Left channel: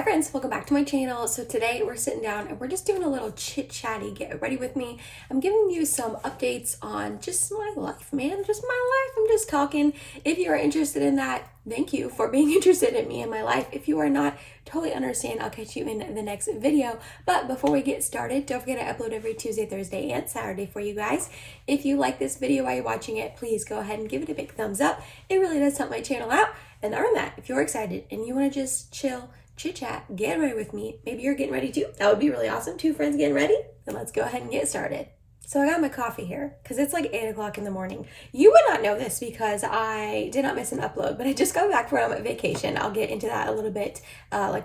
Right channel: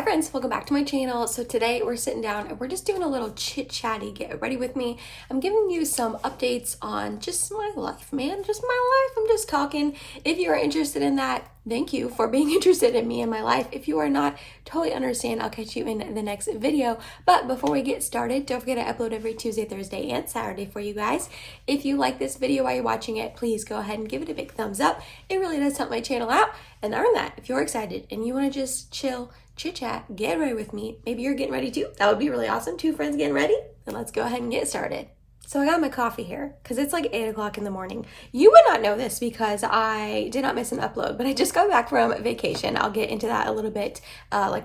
Hi friends, welcome back to my channel. So today we're sitting down and we're just doing a little chit chatty, get ready with me. I'm giving you some updates on just my life, man, just my life. I'm just talking. If you are interested in that, thank you for being interested in me and my life. If you are not, totally understand. I'll catch you in the next video. But before we get started, don't forget I upload every Tuesday, Thursday, and Saturday for you guys. If you like this video while you're watching it, please go ahead and give it a big thumbs up. It really does help my channel out. And other than that, if you're excited and you want to just chill, chit chat, get ready with me. Maybe you're getting ready too. That would be really awesome. Two friends getting ready. Then let's go ahead and get started. So I got my coffee here because it's like 8 o'clock in the morning. You might not know this because I did not miss an upload, but I just got back from vacation. I'll get into that a little bit like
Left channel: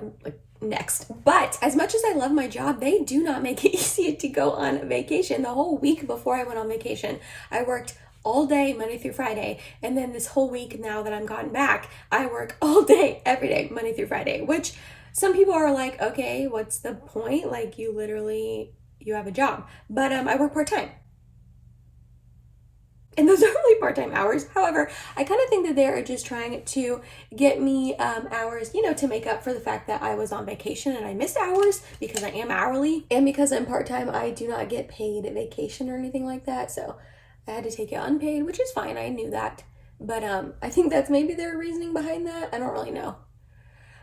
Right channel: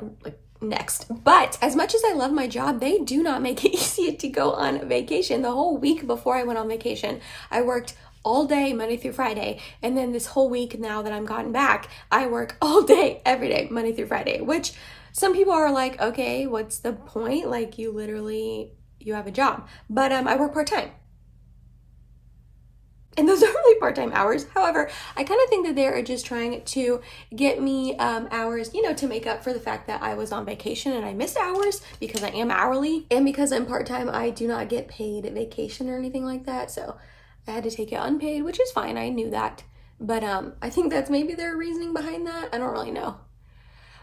next. But as much as I love my job, they do not make it easy to go on vacation. The whole week before I went on vacation, I worked all day, Monday through Friday. And then this whole week now that I'm gotten back, I work all day, every day, Monday through Friday, which some people are like, okay, what's the point? Like you have a job, but I work part-time. And those are really part-time hours. However, I kind of think that they're just trying to get me hours, to make up for the fact that I was on vacation and I missed hours because I am hourly. And because I'm part-time, I do not get paid vacation or anything like that. So I had to take it unpaid, which is fine. I knew that. But I think that's maybe their reasoning behind that. I don't really know.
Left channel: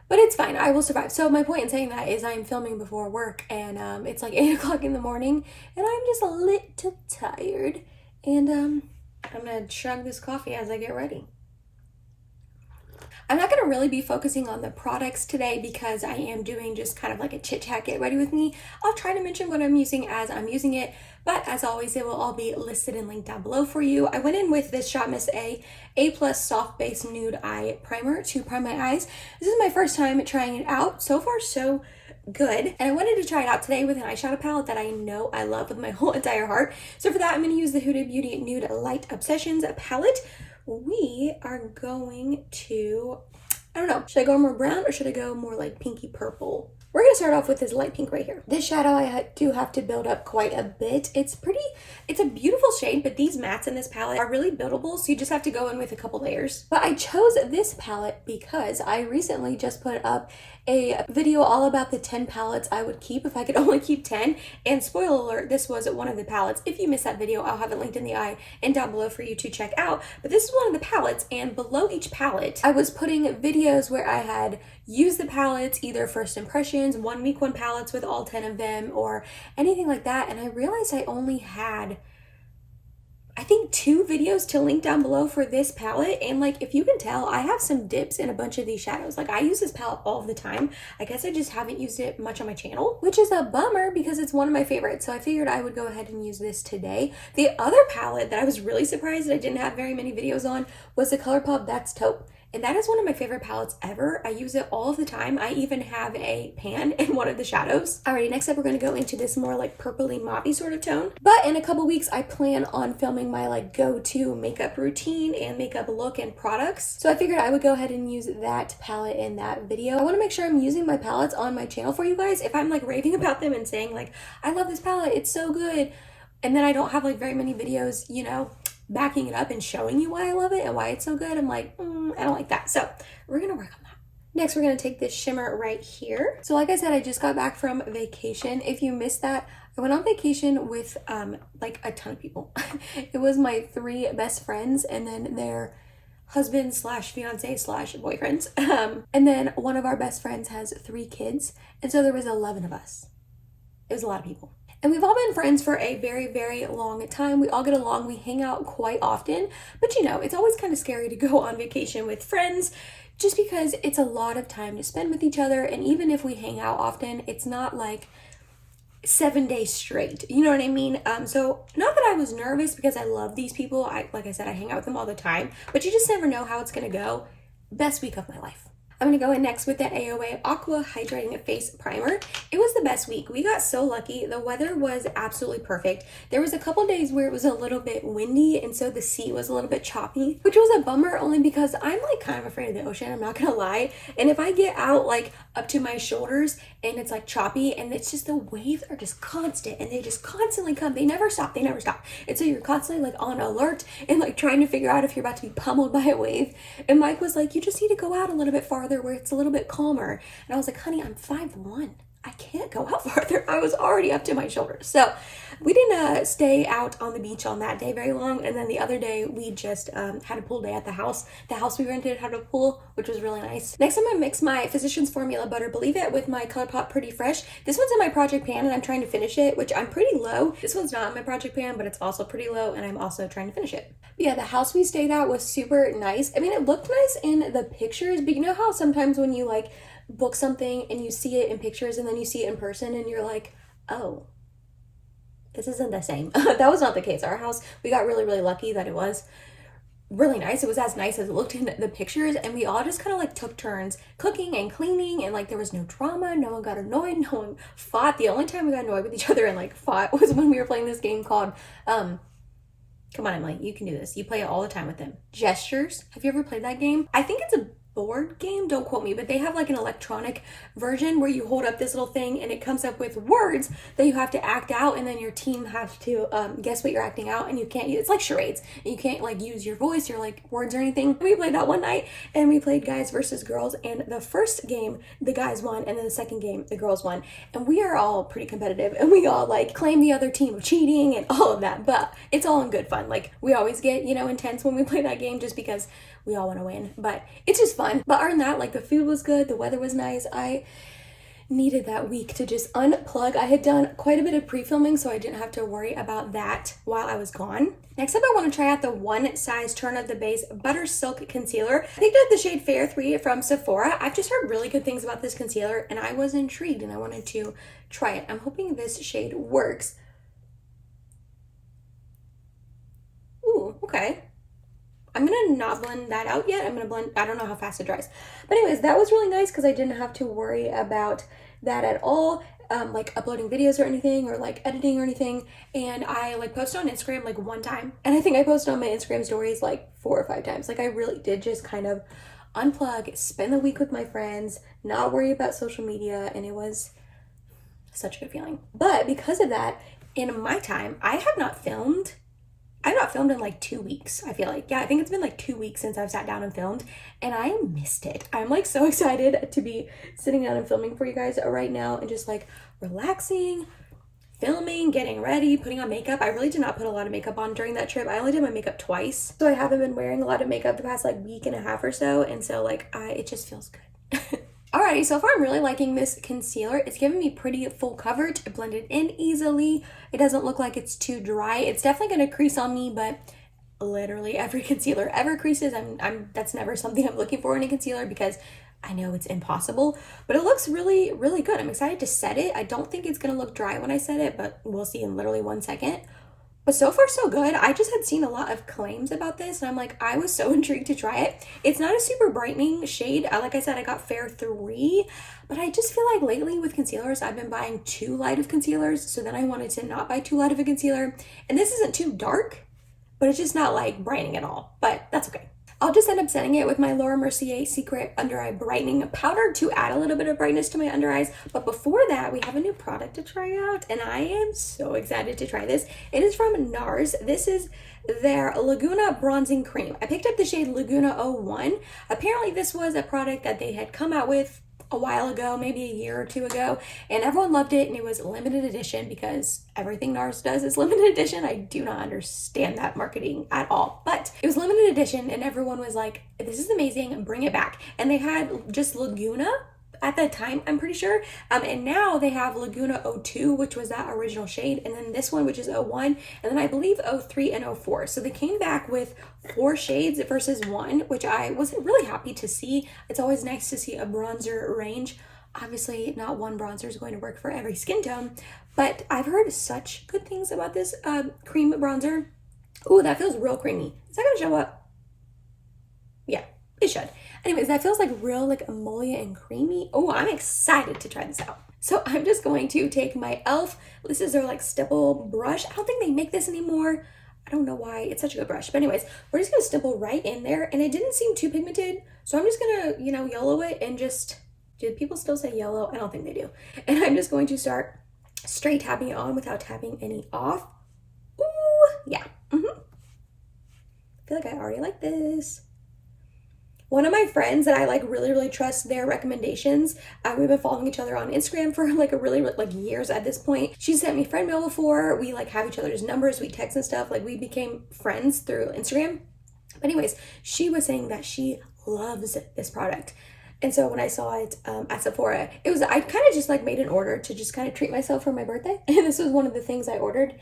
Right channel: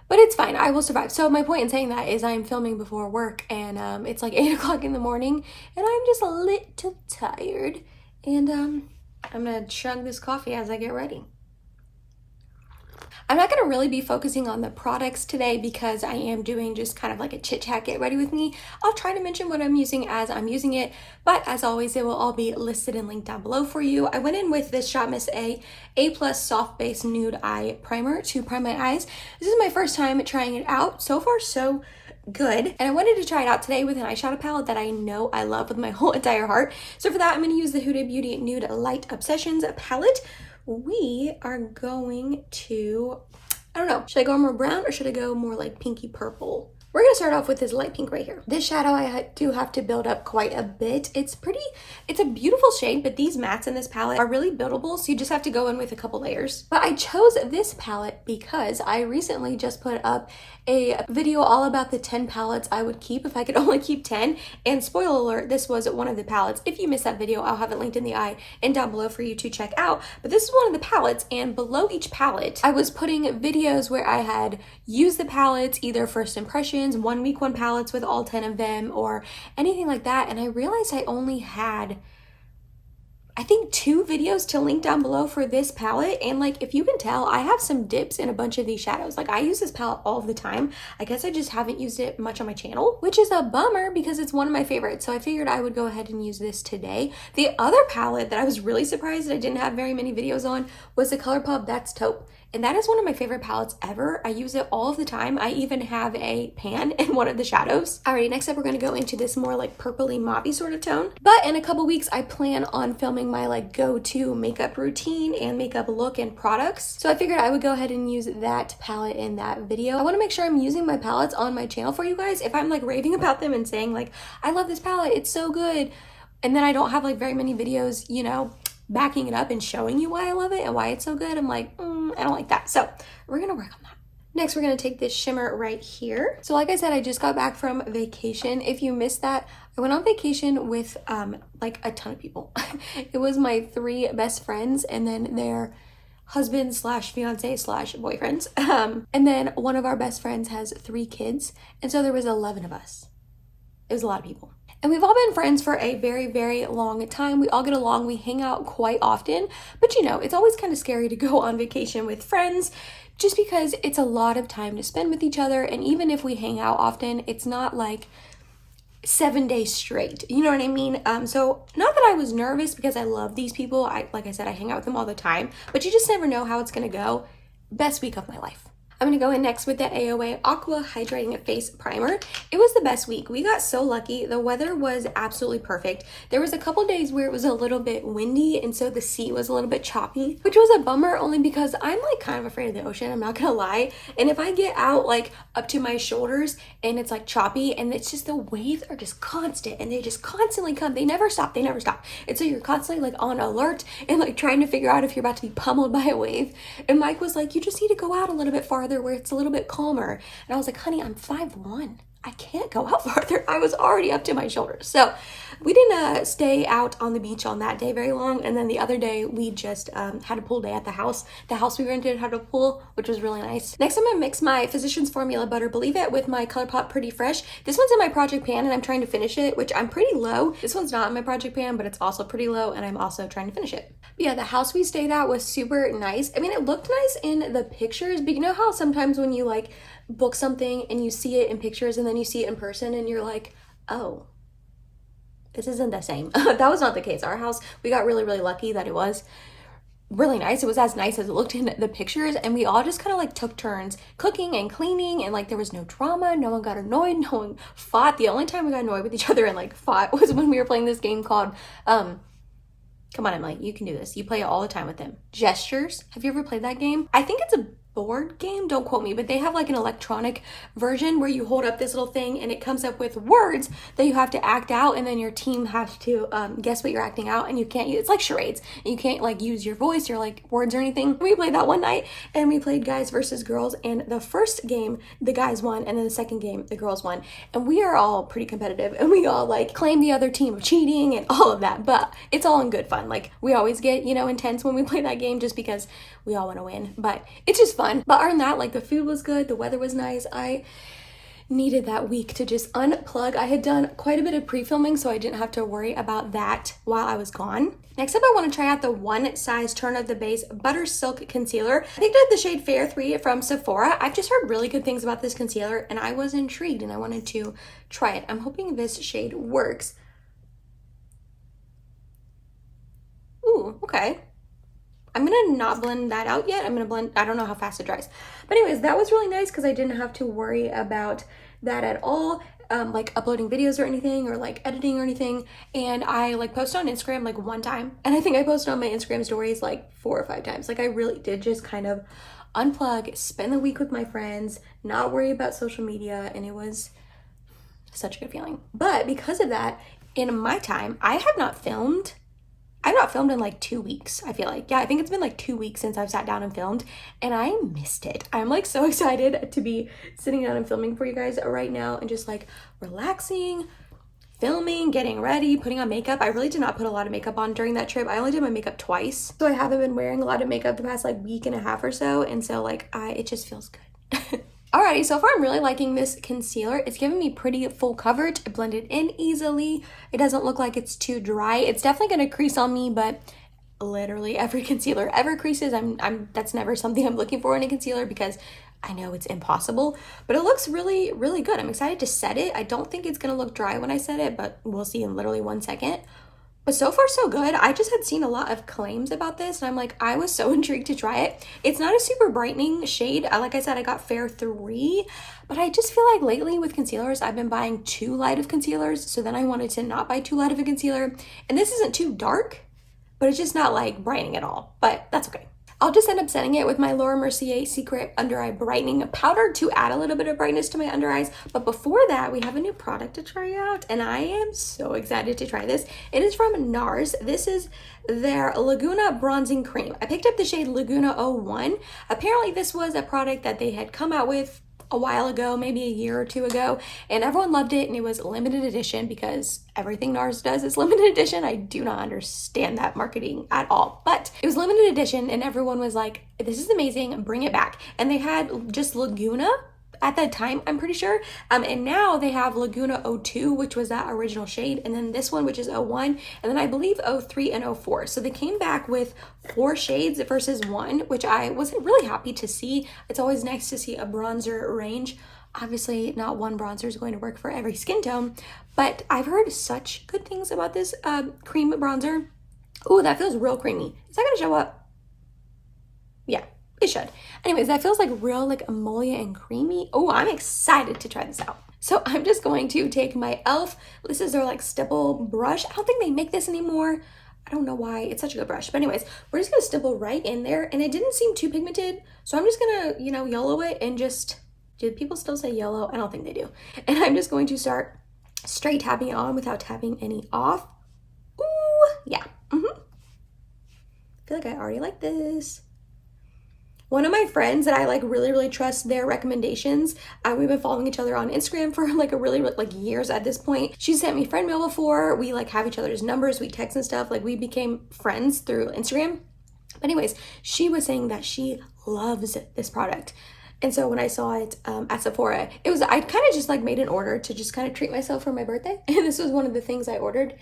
But it's fine. I will survive. So my point in saying that is I'm filming before work and it's like 8 o'clock in the morning and I'm just a little tired. And I'm going to chug this coffee as I get ready. I'm not going to really be focusing on the products today because I am doing just kind of like a chit chat, get ready with me. I'll try to mention what I'm using as I'm using it, but as always, it will all be listed and linked down below for you. I went in with this Shot Miss A+ Soft Base Nude Eye Primer to prime my eyes. This is my first time trying it out. So far, so good. And I wanted to try it out today with an eyeshadow palette that I know I love with my whole entire heart. So for that, I'm going to use the Huda Beauty Nude Light Obsessions palette. We are going to, I don't know, should I go more brown or should I go more like pinky purple? We're going to start off with this light pink right here. This shadow I do have to build up quite a bit. It's a beautiful shade, but these mattes in this palette are really buildable, so you just have to go in with a couple layers. But I chose this palette because I recently just put up a video all about the 10 palettes I would keep if I could only keep 10. And spoiler alert, this was one of the palettes. If you missed that video, I'll have it linked in the eye and down below for you to check out. But this is one of the palettes, and below each palette, I was putting videos where I had used the palettes, either first impressions, 1 week, 1 palettes with all 10 of them, or anything like that. And I realized I only had, I think, 2 videos to link down below for this palette. And like, if you can tell, I have some dips in a bunch of these shadows. Like I use this palette all of the time. I guess I just haven't used it much on my channel, which is a bummer because it's one of my favorites. So I figured I would go ahead and use this today. The other palette that I was really surprised I didn't have very many videos on was the ColourPop That's Taupe. And that is one of my favorite palettes ever. I use it all of the time. I even have a pan in one of the shadows. Alrighty, next up we're gonna go into this more like purpley mauvey sort of tone. But in a couple weeks, I plan on filming my like go-to makeup routine and makeup look and products. So I figured I would go ahead and use that palette in that video. I wanna make sure I'm using my palettes on my channel for you guys. If I'm like raving about them and saying like, I love this palette, it's so good, and then I don't have like very many videos, backing it up and showing you why I love it and why it's so good, I'm like, I don't like that. So we're gonna work on that. Next, we're gonna take this shimmer right here. So like I said, I just got back from vacation. If you missed that, I went on vacation with like a ton of people. It was my 3 best friends and then their husbands slash fiance slash boyfriends. And then one of our best friends has 3 kids. And so there was 11 of us. It was a lot of people. And we've all been friends for a very, very long time. We all get along, we hang out quite often, but it's always kind of scary to go on vacation with friends just because it's a lot of time to spend with each other. And even if we hang out often, it's not like 7 days straight, you know what I mean? So not that I was nervous because I love these people. Like I said, I hang out with them all the time, but you just never know how it's gonna go. Best week of my life. I'm gonna go in next with the AOA Aqua Hydrating Face Primer. It was the best week. We got so lucky. The weather was absolutely perfect. There was a couple days where it was a little bit windy and so the sea was a little bit choppy, which was a bummer only because I'm like kind of afraid of the ocean, I'm not gonna lie. And if I get out like up to my shoulders and it's like choppy and it's just the waves are just constant and they just constantly come. They never stop, they never stop. And so you're constantly like on alert and like trying to figure out if you're about to be pummeled by a wave. And Mike was like, you just need to go out a little bit farther farther where it's a little bit calmer. And I was like, honey, I'm 5'1". I can't go out farther. I was already up to my shoulders. So we didn't stay out on the beach on that day very long. And then the other day we just had a pool day at the house. The house we rented had a pool, which was really nice. Next, I'm gonna mix my Physicians Formula Butter Believe It with my ColourPop Pretty Fresh. This one's in my project pan and I'm trying to finish it, which I'm pretty low. This one's not in my project pan, but it's also pretty low and I'm also trying to finish it. But yeah, the house we stayed at was super nice. I mean, it looked nice in the pictures, but you know how sometimes when you like book something and you see it in pictures and then you see it in person and you're like, oh, this isn't the same. That was not the case. Our house, we got really, really lucky that it was really nice. It was as nice as it looked in the pictures, and we all just kind of like took turns cooking and cleaning, and like there was no drama. No one got annoyed. No one fought. The only time we got annoyed with each other and like fought was when we were playing this game called come on, Emily, you can do this. You play it all the time with them. Gestures. Have you ever played that game? I think it's a board game, don't quote me, but they have like an electronic version where you hold up this little thing and it comes up with words that you have to act out, and then your team has to guess what you're acting out, and you can't use, it's like charades, and you can't like use your voice or like words or anything. We played that one night and we played guys versus girls, and the first game the guys won and then the second game the girls won, and we are all pretty competitive and we all like claim the other team of cheating and all of that, but it's all in good fun. Like we always get, you know, intense when we play that game just because we all want to win, but it's just fun. But other than that, like the food was good, the weather was nice. I needed that week to just unplug. I had done quite a bit of pre-filming, so I didn't have to worry about that while I was gone. Next up, I want to try out the One Size Turn of the Base Butter Silk Concealer. I picked up the shade Fair 3 from Sephora. I've just heard really good things about this concealer and I was intrigued and I wanted to try it. I'm hoping this shade works. Ooh, okay. I'm gonna not blend that out yet. I'm gonna blend, I don't know how fast it dries. But anyways, that was really nice because I didn't have to worry about that at all. Like uploading videos or anything, or like editing or anything. And I like posted on Instagram like one time. And I think I posted on my Instagram stories like 4 or 5 times. Like I really did just kind of unplug, spend the week with my friends, not worry about social media. And it was such a good feeling. But because of that, in my time, I've not filmed in like 2 weeks, I feel like. Yeah, I think it's been like 2 weeks since I've sat down and filmed, and I missed it. I'm like so excited to be sitting down and filming for you guys right now and just like relaxing, filming, getting ready, putting on makeup. I really did not put a lot of makeup on during that trip. I only did my makeup twice. So I haven't been wearing a lot of makeup the past like week and a half or so, and so like it just feels good. Alrighty, so far I'm really liking this concealer. It's giving me pretty full coverage. It blended in easily. It doesn't look like it's too dry. It's definitely gonna crease on me, but literally every concealer ever creases. That's never something I'm looking for in a concealer because I know it's impossible, but it looks really, really good. I'm excited to set it. I don't think it's gonna look dry when I set it, but we'll see in literally 1 second. But so far so good. I just had seen a lot of claims about this and I'm like, I was so intrigued to try it. It's not a super brightening shade. Like I said, I got Fair 3, but I just feel like lately with concealers, I've been buying too light of concealers. So then I wanted to not buy too light of a concealer. And this isn't too dark, but it's just not like brightening at all, but that's okay. I'll just end up setting it with my Laura Mercier Secret Under Eye Brightening Powder to add a little bit of brightness to my under eyes. But before that, we have a new product to try out, and I am so excited to try this. It is from NARS. This is their Laguna Bronzing Cream. I picked up the shade Laguna 01. Apparently, this was a product that they had come out with a while ago, maybe a year or 2 ago, and everyone loved it, and it was limited edition because everything NARS does is limited edition. I do not understand that marketing at all, but it was limited edition and everyone was like, this is amazing, bring it back. And they had just Laguna at that time, I'm pretty sure, and now they have Laguna 02, which was that original shade, and then this one, which is 01, and then I believe 03 and 04. So they came back with 4 shades versus 1, which I wasn't really happy to see. It's always nice to see a bronzer range. Obviously, not one bronzer is going to work for every skin tone, but I've heard such good things about this cream bronzer. Oh, that feels real creamy. Is that gonna show up? Yeah, it should. Anyways, that feels like real like emollient and creamy. Oh, I'm excited to try this out. So I'm just going to take my e.l.f. This is their like stipple brush. I don't think they make this anymore. I don't know why. It's such a good brush. But anyways, we're just gonna stipple right in there, and it didn't seem too pigmented. So I'm just gonna, you know, yellow it and just, do people still say yellow? I don't think they do. And I'm just going to start straight tapping it on without tapping any off. Ooh, yeah. I feel like I already like this. One of my friends that I like really trust their recommendations, we've been following each other on Instagram for like a really like years at this point. She sent me friend mail before. We like have each other's numbers, we text and stuff. Like we became friends through Instagram. But anyways, she was saying that she loves this product. And so when I saw it at Sephora, I kind of just like made an order to just kind of treat myself for my birthday. And this was one of the things I ordered.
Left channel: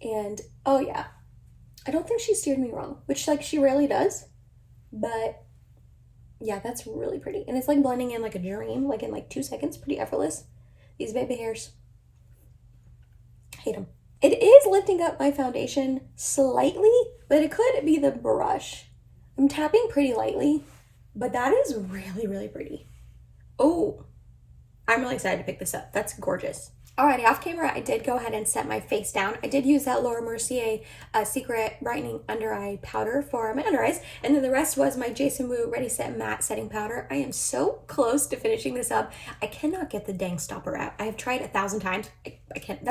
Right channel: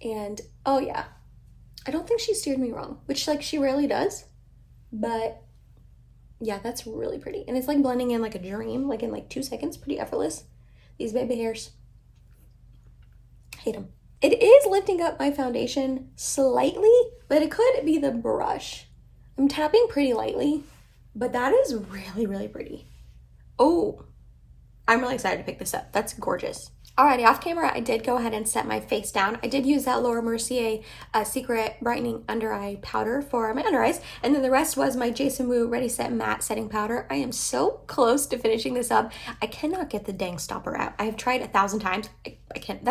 And oh yeah, I don't think she steered me wrong, which like she rarely does. But yeah, that's really pretty. And it's like blending in like a dream, like in like 2 seconds, pretty effortless. These baby hairs, hate them. It is lifting up my foundation slightly, but it could be the brush. I'm tapping pretty lightly, but that is really pretty. Oh, I'm really excited to pick this up. That's gorgeous. Alrighty, off camera, I did go ahead and set my face down. I did use that Laura Mercier Secret Brightening Under Eye Powder for my under eyes. And then the rest was my Jason Wu Ready Set Matte Setting Powder. I am so close to finishing this up. I cannot get the dang stopper out. I've tried 1,000 times. I can't,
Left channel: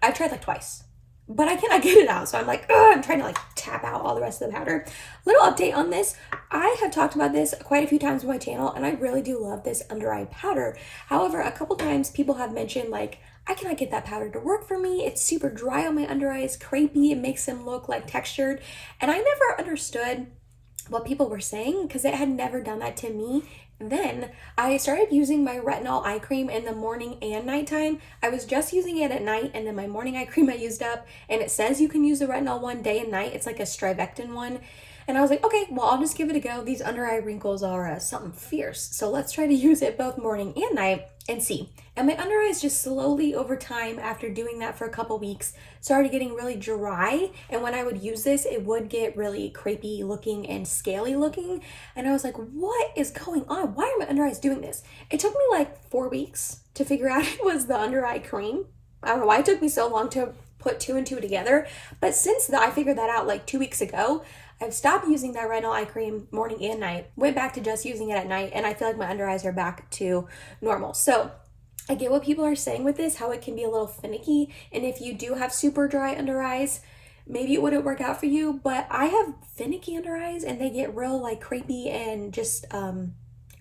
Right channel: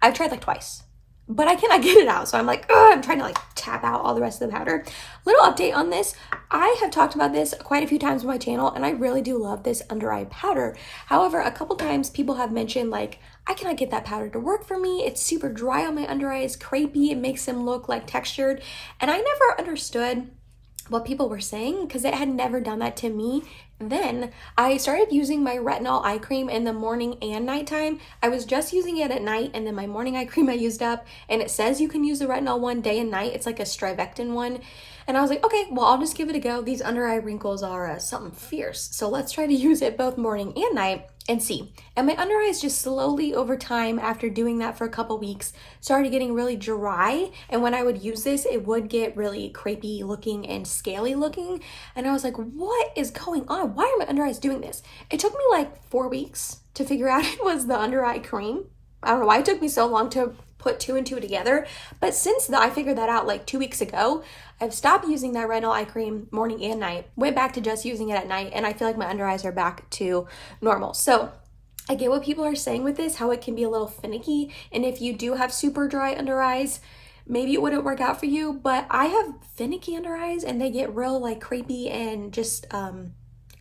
I've tried like twice. But I cannot get it out. So I'm like, I'm trying to like tap out all the rest of the powder. Little update on this. I have talked about this quite a few times on my channel, and I really do love this under eye powder. However, a couple times people have mentioned like, I cannot get that powder to work for me. It's super dry on my under eyes, crepey. It makes them look like textured. And I never understood what people were saying because it had never done that to me. Then I started using my retinol eye cream in the morning and nighttime. I was just using it at night, and then my morning eye cream I used up, and it says you can use the retinol one day and night. It's like a strivectin one. And I was like, okay, well, I'll just give it a go. These under eye wrinkles are something fierce. So let's try to use it both morning and night and see. And my under eyes just slowly over time, after doing that for a couple weeks, started getting really dry. And when I would use this, it would get really crepey looking and scaly looking. And I was like, what is going on? Why are my under eyes doing this? It took me like 4 weeks to figure out it was the under eye cream. I don't know why it took me so long to put 2 and 2 together. But since I figured that out like 2 weeks ago, I've stopped using that retinol eye cream morning and night, went back to just using it at night, and I feel like my under eyes are back to normal. So I get what people are saying with this, how it can be a little finicky, and if you do have super dry under eyes, maybe it wouldn't work out for you, but I have finicky under eyes and they get real like crepey and just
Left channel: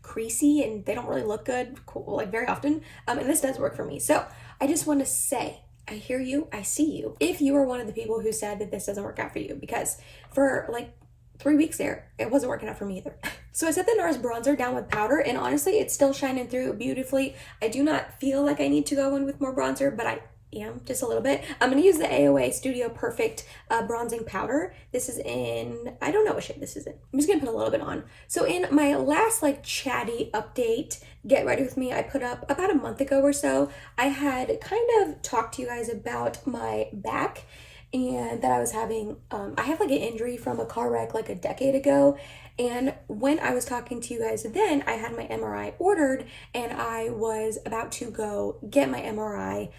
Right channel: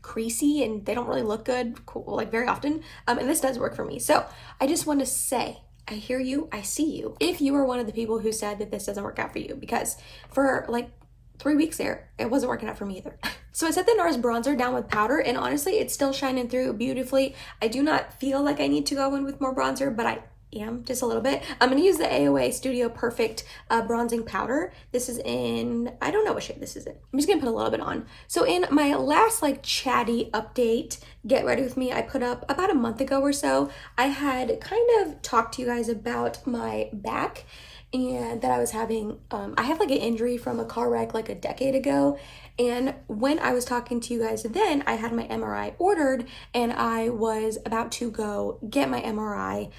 creasy, and they don't really look good like very often, and this does work for me. So I just want to say, I hear you, I see you. If you are one of the people who said that this doesn't work out for you, because for like 3 weeks there, it wasn't working out for me either. So I set the NARS bronzer down with powder, and honestly, it's still shining through beautifully. I do not feel like I need to go in with more bronzer, but I am just a little bit. I'm going to use the AOA Studio Perfect bronzing powder. This is in, I don't know what shade this is in. I'm just going to put a little bit on. So in my last like chatty update, Get Ready With Me, I put up about a month ago or so, I had kind of talked to you guys about my back and that I was having, I had like an injury from a car wreck like a decade ago. And when I was talking to you guys then, I had my MRI ordered and I was about to go get my MRI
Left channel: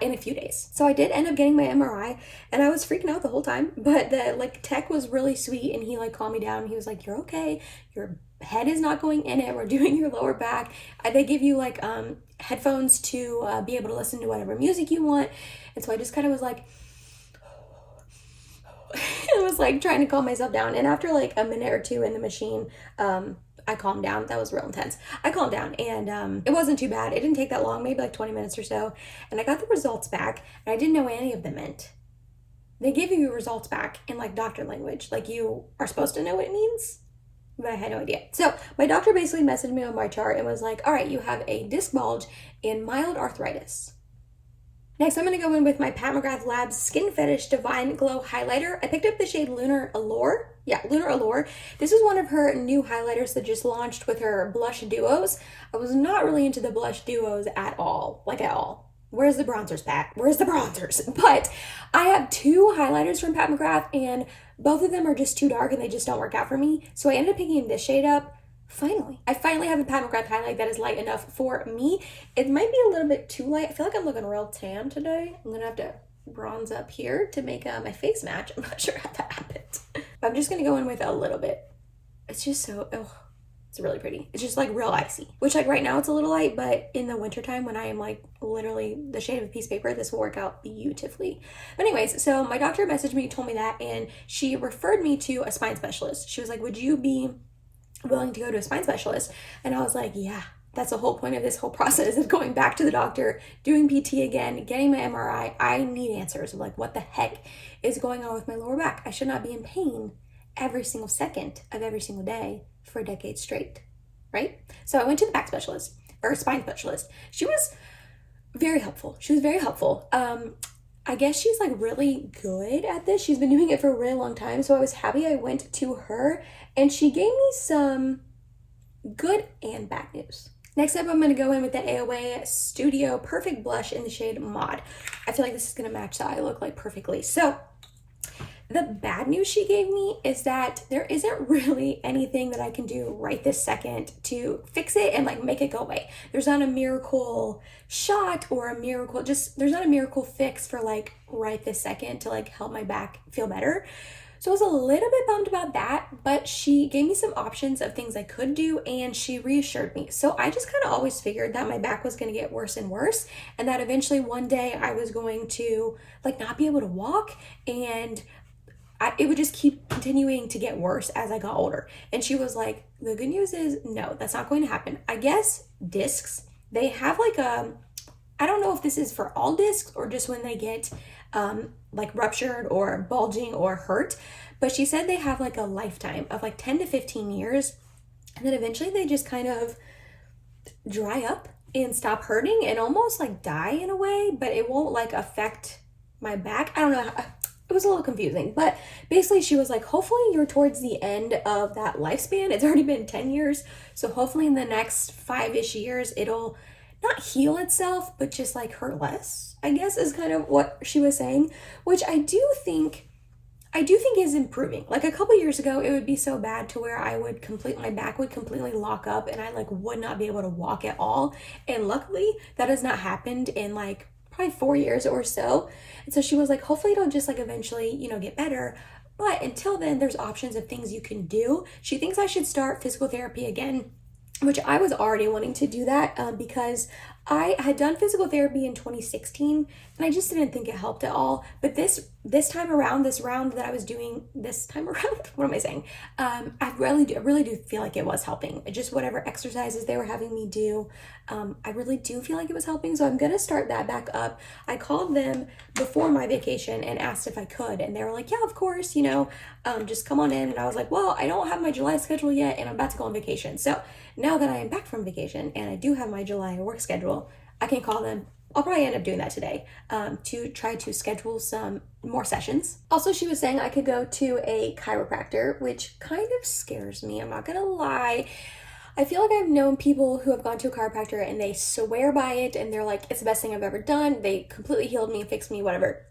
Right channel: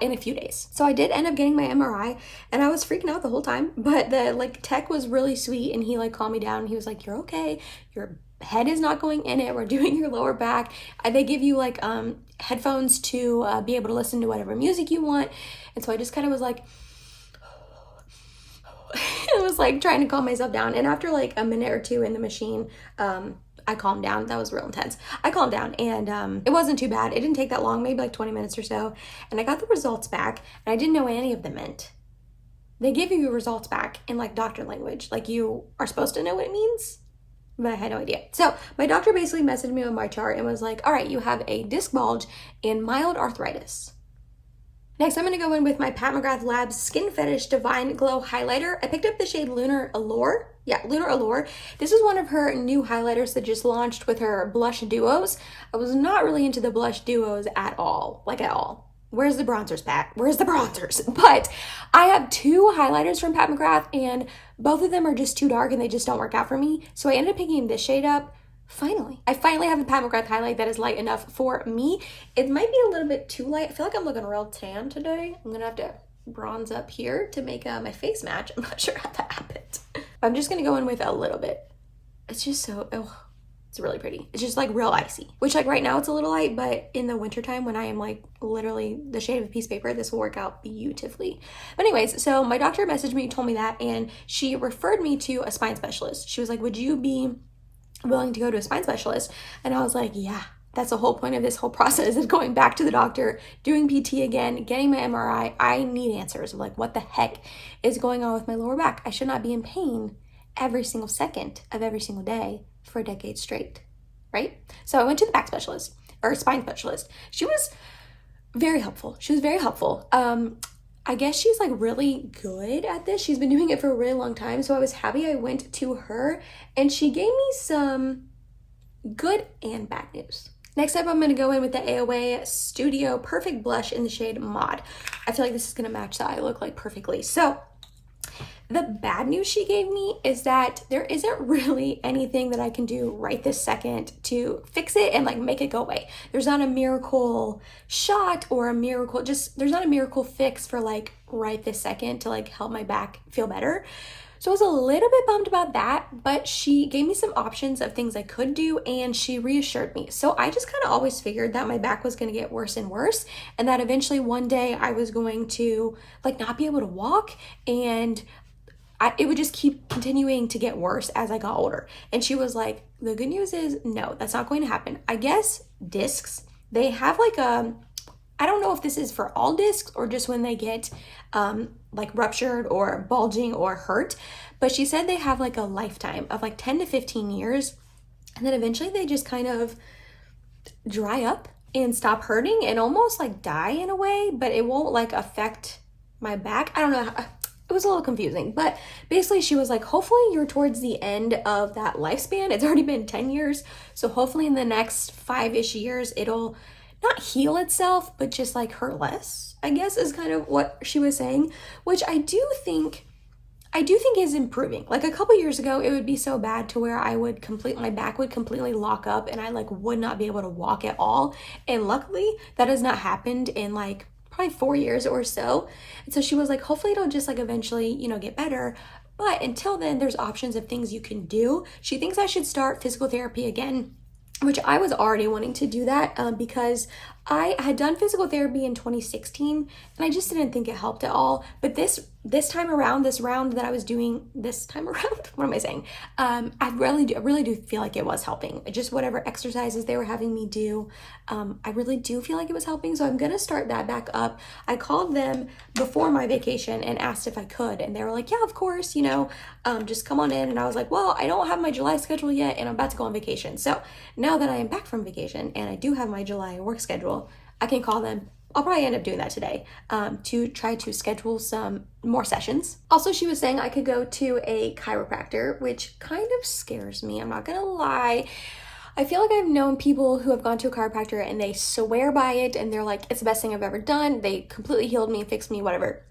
in a few days. So I did end up getting my MRI and I was freaking out the whole time, but the like tech was really sweet and he like calmed me down. He was like, you're okay. Your head is not going in it. We're doing your lower back. They give you like headphones to be able to listen to whatever music you want. And so I just kind of was like, I was like trying to calm myself down. And after like a minute or two in the machine, I calmed down. That was real intense. I calmed down and it wasn't too bad. It didn't take that long, maybe like 20 minutes or so. And I got the results back and I didn't know what any of them meant. They give you your results back in like doctor language. Like you are supposed to know what it means, but I had no idea. So my doctor basically messaged me on my chart and was like, all right, you have a disc bulge and mild arthritis. Next, I'm going to go in with my Pat McGrath Labs Skin Fetish Divine Glow Highlighter. I picked up the shade Lunar Allure. Yeah, Lunar Allure. This is one of her new highlighters that just launched with her blush duos. I was not really into the blush duos at all, like at all. Where's the bronzers, Pat? Where's the bronzers? But I have 2 highlighters from Pat McGrath and both of them are just too dark and they just don't work out for me. So I ended up picking this shade up. I finally have a Pat McGrath highlight that is light enough for me. It might be a little bit too light. I feel like I'm looking real tan today. I'm gonna have to bronze up here to make my face match. I'm not sure how that happened. I'm just gonna go in with a little bit. It's just so, oh, It's really pretty. It's just like real icy, which like right now it's a little light, but in the wintertime when I am like literally the shade of a piece of paper, this will work out beautifully. But anyways, so my doctor messaged me, told me that, and she referred me to a spine specialist. She was like, would you be willing to go to a spine specialist? And I was like, yeah. That's the whole point of this whole process, is going back to the doctor, doing PT again, getting my MRI. I need answers of like, what the heck is going on with my lower back? I should not be in pain every single second of every single day for a decade straight, right? So I went to the back specialist, or spine specialist. She was very helpful. I guess she's like really good at this. She's been doing it for a really long time. So I was happy I went to her, and she gave me some good and bad news. Next up, I'm going to go in with the AOA Studio Perfect Blush in the shade Mod. I feel like this is going to match the eye look like perfectly. So the bad news she gave me is that there isn't really anything that I can do right this second to fix it and like make it go away. There's not a miracle shot or a miracle, there's not a miracle fix for like right this second to like help my back feel better. So I was a little bit bummed about that, but she gave me some options of things I could do, and she reassured me. So I just kind of always figured that my back was going to get worse and worse, and that eventually one day I was going to like not be able to walk, and it would just keep continuing to get worse as I got older. And she was like, the good news is no, that's not going to happen. I guess discs, they have like I don't know if this is for all discs or just when they get like ruptured or bulging or hurt, but she said they have like a lifetime of like 10 to 15 years, and then eventually they just kind of dry up and stop hurting and almost like die in a way, but it won't like affect my back. I don't know. It was a little confusing, but basically she was like, hopefully you're towards the end of that lifespan. It's already been 10 years. So hopefully in the next 5-ish years, it'll not heal itself, but just like hurt less, I guess is kind of what she was saying, which I do think is improving. Like a couple years ago, it would be so bad to where my back would completely lock up and I like would not be able to walk at all. And luckily that has not happened in like probably 4 years or so. And so she was like, hopefully it'll just like eventually, you know, get better. But until then, there's options of things you can do. She thinks I should start physical therapy again, which I was already wanting to do that because I had done physical therapy in 2016 and I just didn't think it helped at all. But this round that I was doing this time around, what am I saying? I really do feel like it was helping. Just whatever exercises they were having me do, I really do feel like it was helping. So I'm gonna start that back up. I called them before my vacation and asked if I could, and they were like, yeah, of course, you know, just come on in. And I was like, well, I don't have my July schedule yet and I'm about to go on vacation. So now that I am back from vacation and I do have my July work schedule, I can call them. I'll probably end up doing that today to try to schedule some more sessions. Also, she was saying I could go to a chiropractor, which kind of scares me. I'm not gonna lie. I feel like I've known people who have gone to a chiropractor and they swear by it and they're like, it's the best thing I've ever done. They completely healed me, fixed me, whatever.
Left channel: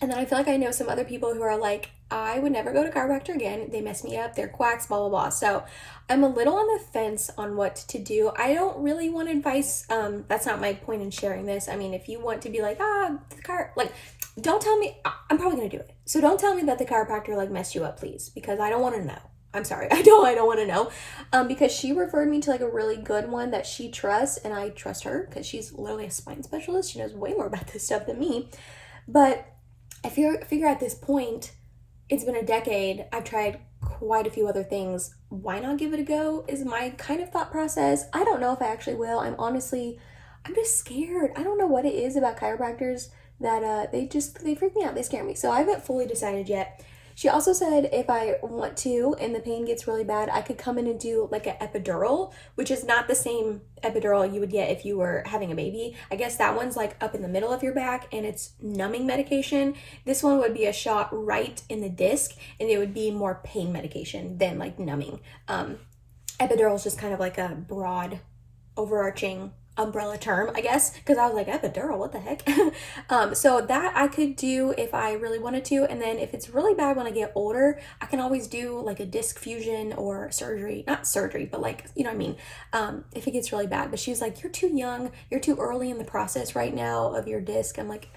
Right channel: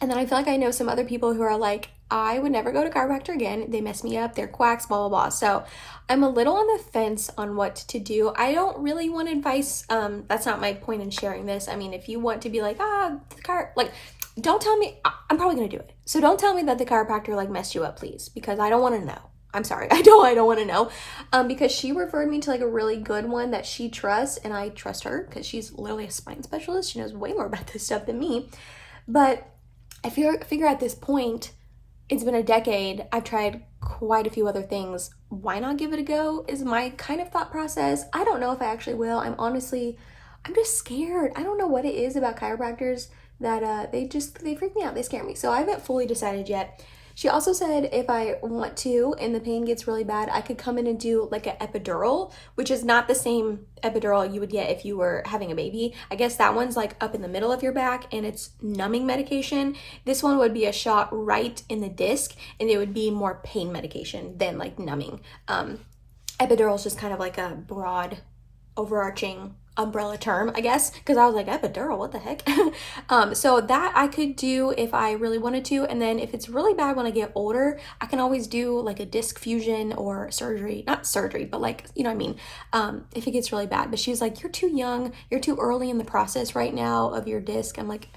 And then I feel like I know some other people who are like, I would never go to chiropractor again. They mess me up. They're quacks, blah, blah, blah. So I'm a little on the fence on what to do. I don't really want advice. That's not my point in sharing this. I mean, if you want to be like, don't tell me, I'm probably going to do it. So don't tell me that the chiropractor like messed you up, please, because I don't want to know. I'm sorry. I don't want to know. Because she referred me to like a really good one that she trusts, and I trust her because she's literally a spine specialist. She knows way more about this stuff than me. But I figure at this point, it's been a decade. I've tried quite a few other things. Why not give it a go is my kind of thought process. I don't know if I actually will. I'm just scared. I don't know what it is about chiropractors that they freak me out. They scare me. So I haven't fully decided yet. She also said if I want to and the pain gets really bad, I could come in and do like an epidural, which is not the same epidural you would get if you were having a baby. I guess that one's like up in the middle of your back and it's numbing medication. This one would be a shot right in the disc and it would be more pain medication than like numbing. Epidural is just kind of like a broad, overarching umbrella term, I guess, because I was like, epidural, what the heck? So that I could do if I really wanted to, and then if it's really bad when I get older, I can always do like a disc fusion or surgery, not surgery, but like, you know what I mean, if it gets really bad. But she was like, you're too young, you're too early in the process right now of your disc. I'm like,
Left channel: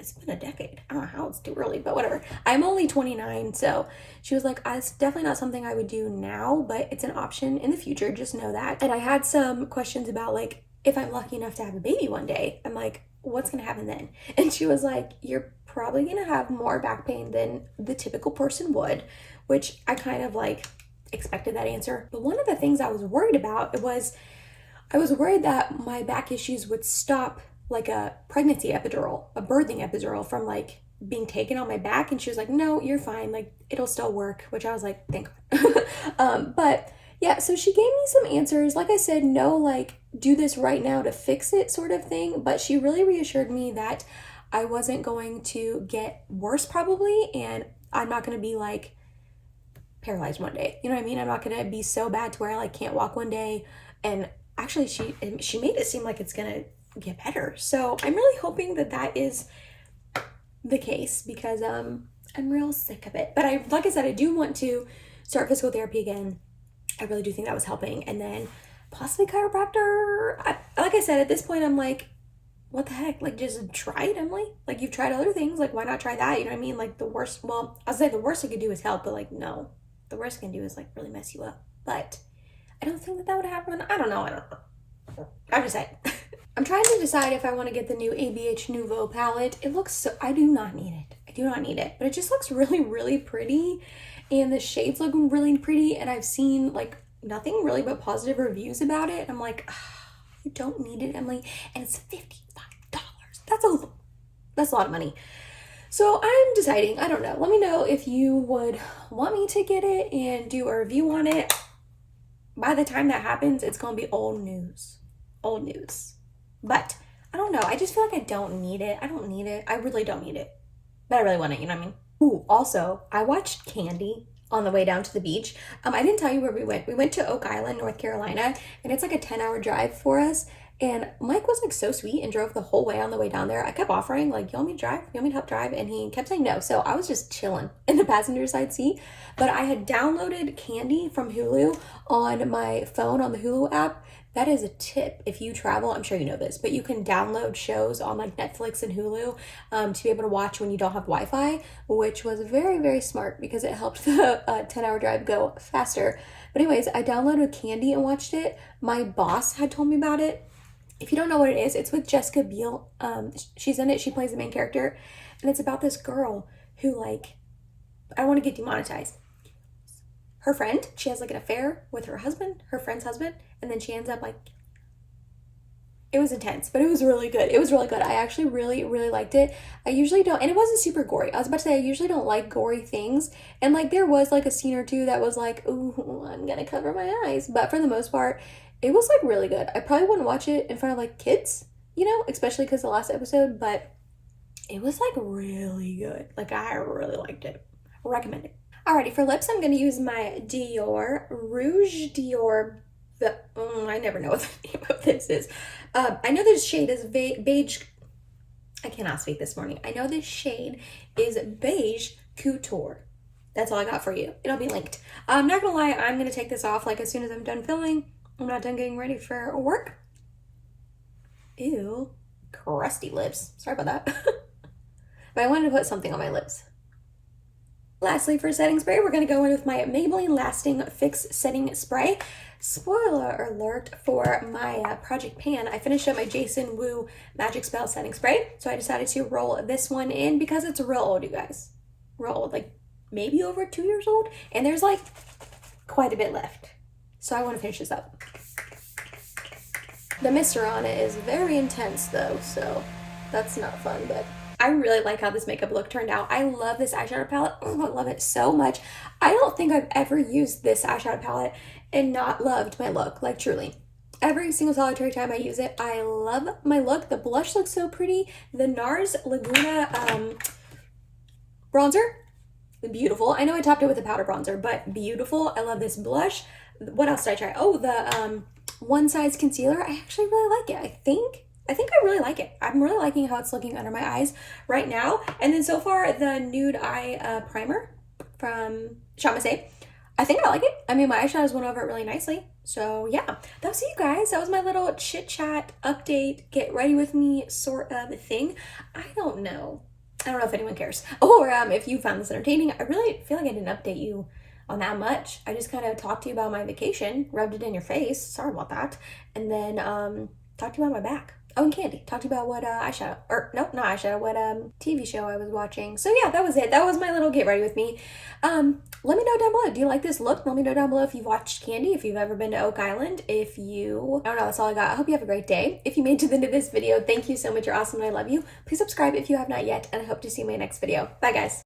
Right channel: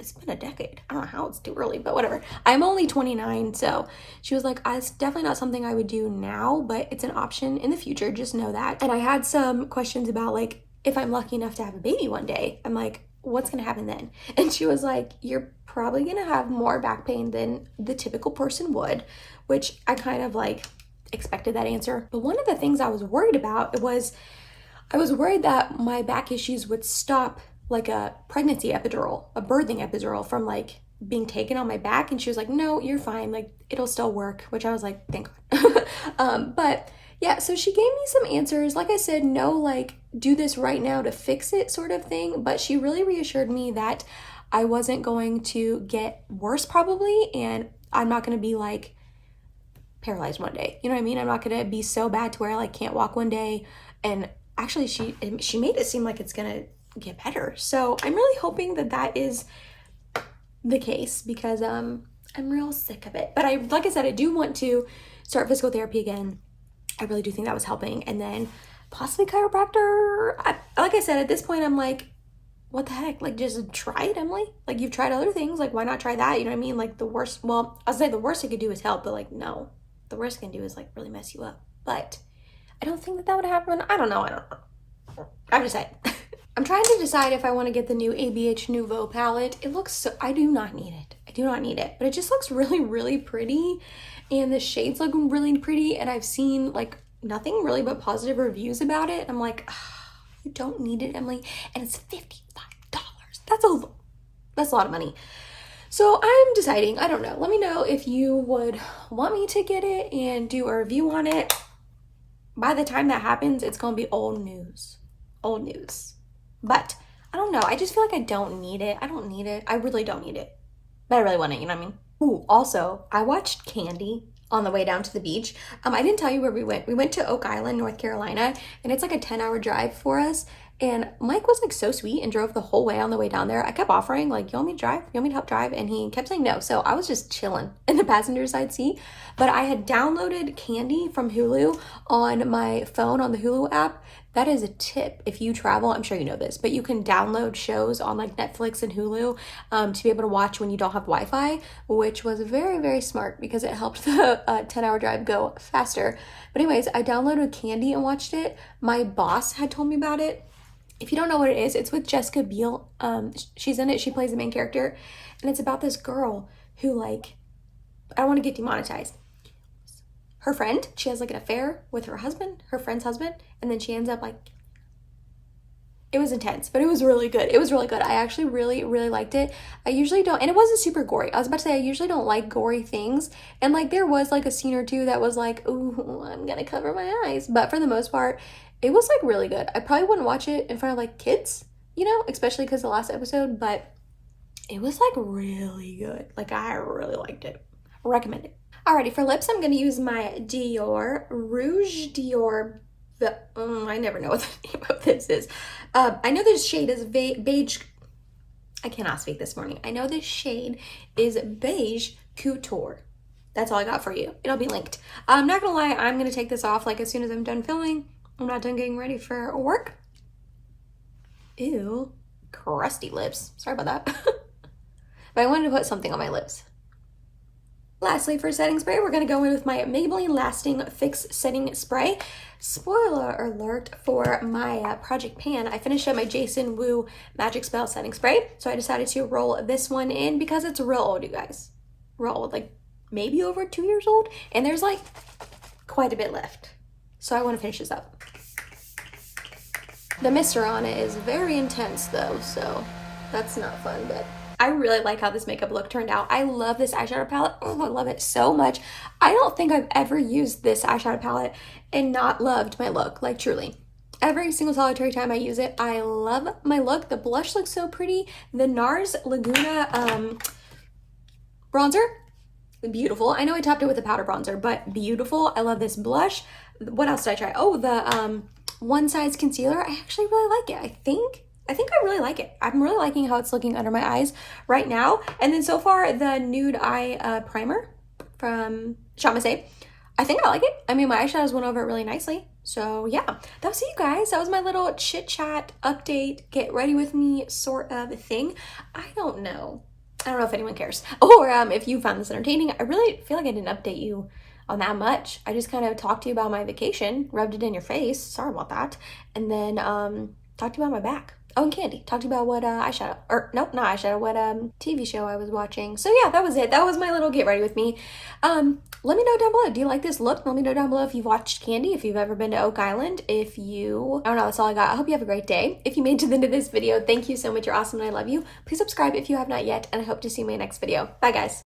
it's been a decade. I don't know how it's too early, but whatever. I'm only 29, so she was like, it's definitely not something I would do now, but it's an option in the future, just know that. And I had some questions about like, if I'm lucky enough to have a baby one day, I'm like, what's gonna happen then? And she was like, you're probably gonna have more back pain than the typical person would, which I kind of like expected that answer. But one of the things I was worried about was, I was worried that my back issues would stop like a pregnancy epidural, a birthing epidural from like being taken on my back. And she was like, no, you're fine. Like it'll still work, which I was like, thank God. But yeah, so she gave me some answers. Like I said, no, like do this right now to fix it sort of thing. But she really reassured me that I wasn't going to get worse probably. And I'm not going to be like paralyzed one day. You know what I mean? I'm not going to be so bad to where I like can't walk one day. And actually she made it seem like it's going to get better. So I'm really hoping that that is the case because I'm real sick of it. But like I said, I do want to start physical therapy again. I really do think that was helping. And then possibly chiropractor. Like I said, at this point, I'm like, what the heck? Like, just try it, Emily. Like, you've tried other things. Like, why not try that? You know what I mean? Like, the worst, well, I'll say the worst I could do is help, but like, no. The worst I can do is like really mess you up. But I don't think that would happen. I don't know. I'm just saying. I'm trying to decide if I want to get the new ABH Nouveau palette. It looks so, I do not need it. I do not need it, but it just looks really, really pretty. And the shades look really pretty. And I've seen like nothing really but positive reviews about it. I'm like, you don't need it, Emily. And it's $55. That's a lot of money. So I'm deciding, I don't know. Let me know if you would want me to get it and do a review on it. By the time that happens, it's going to be old news. Old news. But I don't know. I just feel like I don't need it. I don't need it. I really don't need it. But I really want it, you know what I mean? Ooh, also, I watched Candy on the way down to the beach. I didn't tell you where we went. We went to Oak Island, North Carolina, and it's like a 10-hour drive for us. And Mike was like so sweet and drove the whole way on the way down there. I kept offering like, you want me to drive? You want me to help drive? And he kept saying no. So I was just chilling in the passenger side seat. But I had downloaded Candy from Hulu on my phone on the Hulu app. That is a tip if you travel. I'm sure you know this, but you can download shows on like Netflix and Hulu to be able to watch when you don't have Wi-Fi, which was very, very smart because it helped the 10-hour drive go faster. But anyways, I downloaded Candy and watched it. My boss had told me about it. If you don't know what it is, it's with Jessica Biel. She's in it. She plays the main character. And it's about this girl who like, I don't want to get demonetized. Her friend, she has like an affair with her husband, her friend's husband. And then she ends up like, it was intense, but it was really good. It was really good. I actually really, really liked it. I usually don't, and it wasn't super gory. I was about to say, I usually don't like gory things. And like, there was like a scene or two that was like, ooh, I'm gonna cover my eyes. But for the most part, it was like really good. I probably wouldn't watch it in front of like kids, you know, especially because the last episode, but it was like really good. Like I really liked it. I recommend it. Alrighty, for lips, I'm going to use my Dior Rouge Dior. I never know what the name of this is. I know this shade is beige. I cannot speak this morning. I know this shade is Beige Couture. That's all I got for you. It'll be linked. I'm not going to lie. I'm going to take this off like as soon as I'm done filming. I'm not done getting ready for work. Ew. Crusty lips. Sorry about that. But I wanted to put something on my lips. Lastly, for setting spray, we're going to go in with my Maybelline Lasting Fix Setting Spray. Spoiler alert for my Project Pan. I finished up my Jason Wu Magic Spell Setting Spray, so I decided to roll this one in because it's real old, you guys. Real old, like maybe over 2 years old, and there's like quite a bit left. So I want to finish this up. The mister on it is very intense though, so that's not fun, but I really like how this makeup look turned out. I love this eyeshadow palette. Oh, I love it so much. I don't think I've ever used this eyeshadow palette and not loved my look, like truly. Every single solitary time I use it, I love my look. The blush looks so pretty. The NARS Laguna bronzer, beautiful. I know I topped it with a powder bronzer, but beautiful. I love this blush. What else did I try? Oh, the One Size concealer. I actually really like it. I think I really like it. I'm really liking how it's looking under my eyes right now. And then so far, the Nude Eye Primer from Shop Miss A. I think I like it. I mean, my eyeshadows went over it really nicely. So yeah, that was it, you guys. That was my little chit chat update, get ready with me sort of thing. I don't know. I don't know if anyone cares. Or if you found this entertaining. I really feel like I didn't update you on that much. I just kind of talked to you about my vacation, rubbed it in your face. Sorry about that. And then talked to you about my back. Oh, and candy. Talked about what eyeshadow, or no, not eyeshadow, what TV show I was watching. So yeah, that was it. That was my little get ready with me. Let me know down below. Do you like this look? Let me know down below if you've watched Candy, if you've ever been to Oak Island, if you, I don't know, that's all I got. I hope you have a great day. If you made it to the end of this video, thank you so much. You're awesome and I love you. Please subscribe if you have not yet, and I hope to see you in my next video. Bye guys.